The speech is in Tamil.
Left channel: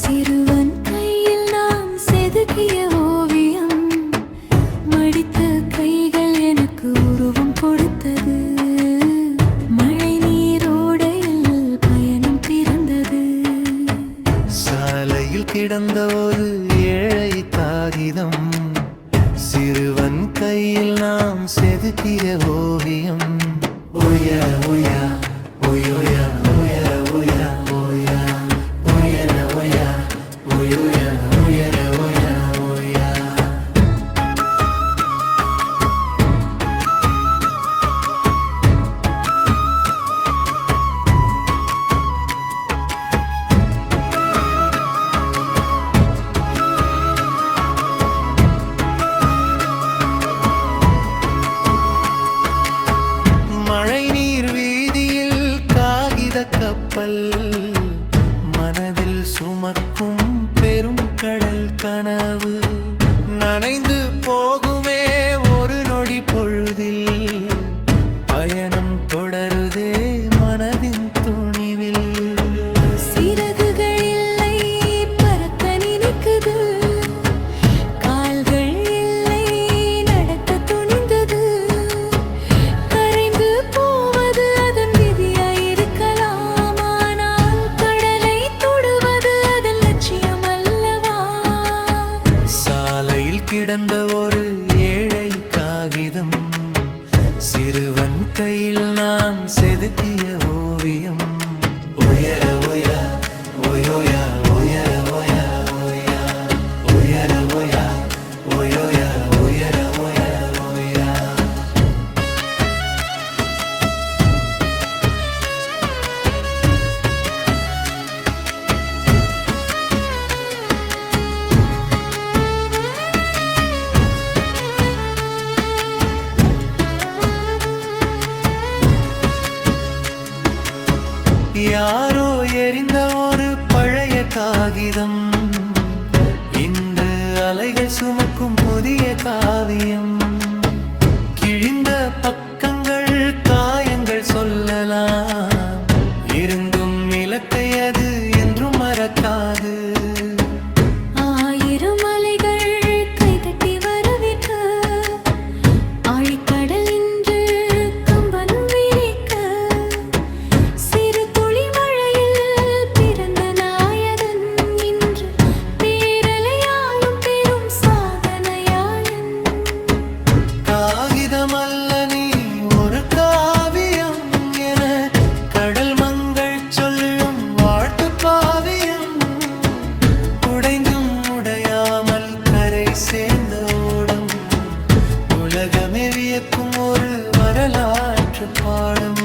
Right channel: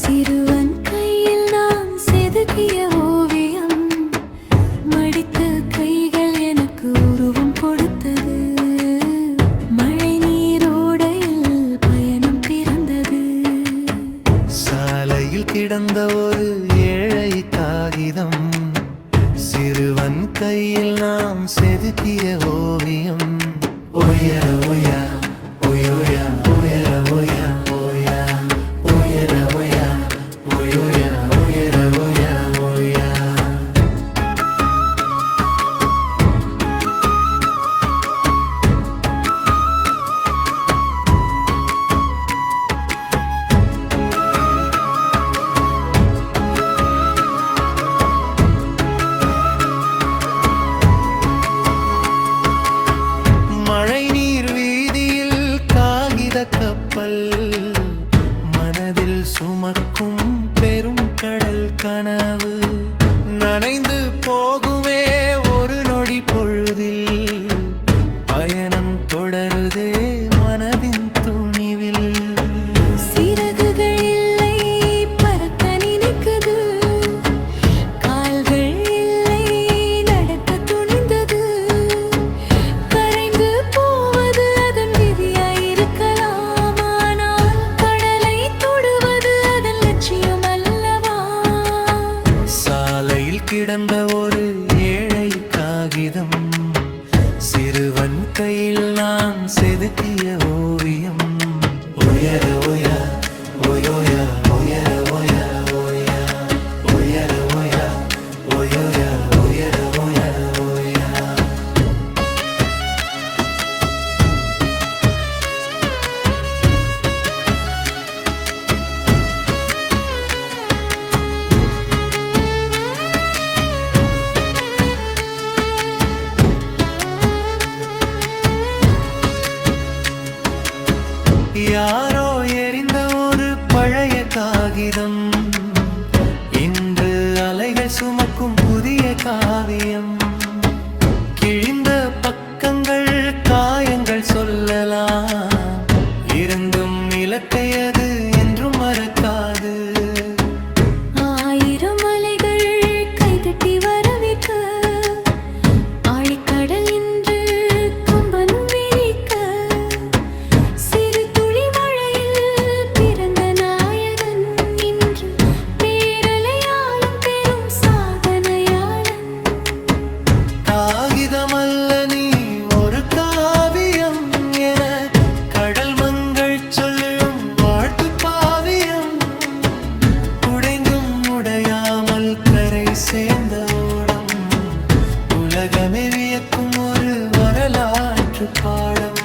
சிறுவன் கையில் நான் செதுக்கிய ஓவியம், மடித்த கைகள் எனக்கு உருவம் கொடுத்தது. மழை நீரோடையில் பயணம் பிறந்தது. சாலையில் கிடந்த ஒரு ஏழை காகிதம், சிறுவன் கையில் நாம் செதுக்கிய ஓவியம். உயர உயா உயோயா உயர உயா உயா உயர உயா உயோயா உயர உயா உயா. மழை நீர் வீதியில் காகித கப்பல், மனதில் சுமக்கும் பெரும் கடல் கனவு. நனைந்து போகுமே ஒரு நொடி பொழுதில், பயணம் தொடருதே மனதின் துணிவில். சிறகுகள் இல்லை பறக்க நினைக்குது, கால்கள் இல்லை நடக்க துணிந்தது. கரைந்து போவது அதன் விதியாயிருக்கலாம், ஆனால் கடலை தொடுவது அதன் லட்சியம் அல்லவா? சாலையில் கிடந்த ஒரு ஏழை காகிதம், சிறுவன் கையில் நான் செதுக்கிய ஓவியம். உயர உயா உயோயா உயர உயா உயா உயர உயா உயோயா உயர உயா உயா. யாரோ எரிந்த ஒரு பழைய காகிதம், இன்று அலைகள் சுமக்கும் புதிய காவியம். கிழிந்த பக்கங்கள் காயங்கள் சொல்லலாம், இருந்தும் இலக்கை அது என்றும் மறக்காது. ஆயிரம் அலைகள் கைதட்டி வரவேற்க, ஆழிக்கடல் இன்று கம்பன் விரிக்க. சிறு துளி மழையில் பிறந்த நாயகன், இன்று பேரலையாளும் பெரும் சாதனையாளன். காகிதமல்ல நீ ஒரு காவியம் என கடல் மங்கள் சொல்லும் வாழ்த்து பாவியம். உடைந்தும் உடையாமல் கரை சேர்ந்த ஓடம், உலகமே வியக்கும் ஒரு வரலாற்று பாடம்.